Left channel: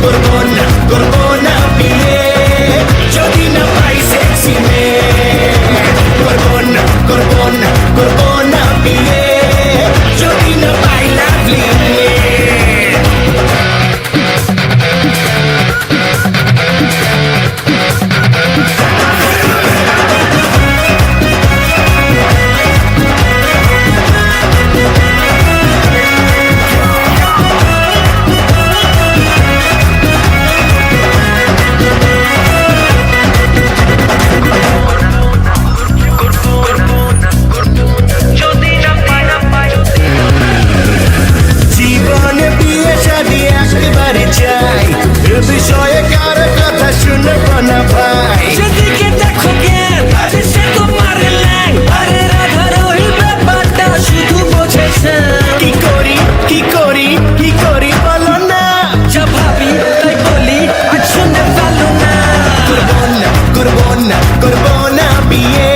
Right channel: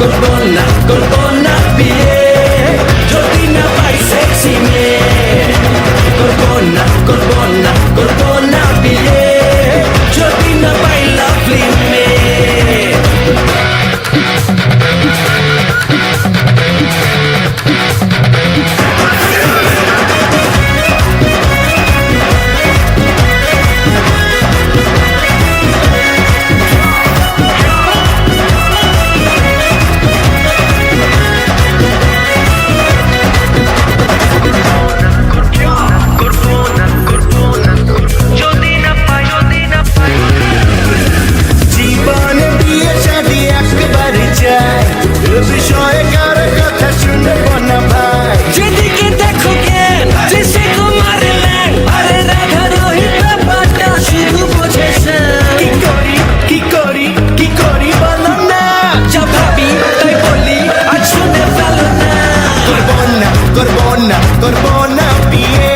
করবো না বিয়ে যদি না পাই সেক্সি মেয়ে। করবো না বিয়ে যদি না পাই লাভলি মেয়ে। জীবনে বিয়ে শাদী একবারে চাই, এ বিষয়ে কারো কথা শুনবো না ভাই। যেদিকে দেখো জ্ঞান যে সে তোমার ল্যাং, আরে রাধা রহির ব্যাপারটা শুধু বোঝে সে। কি করি বলো না। যা ভাবি তাই বলি আজ শুনে ফেলো না। করবো না বিয়ে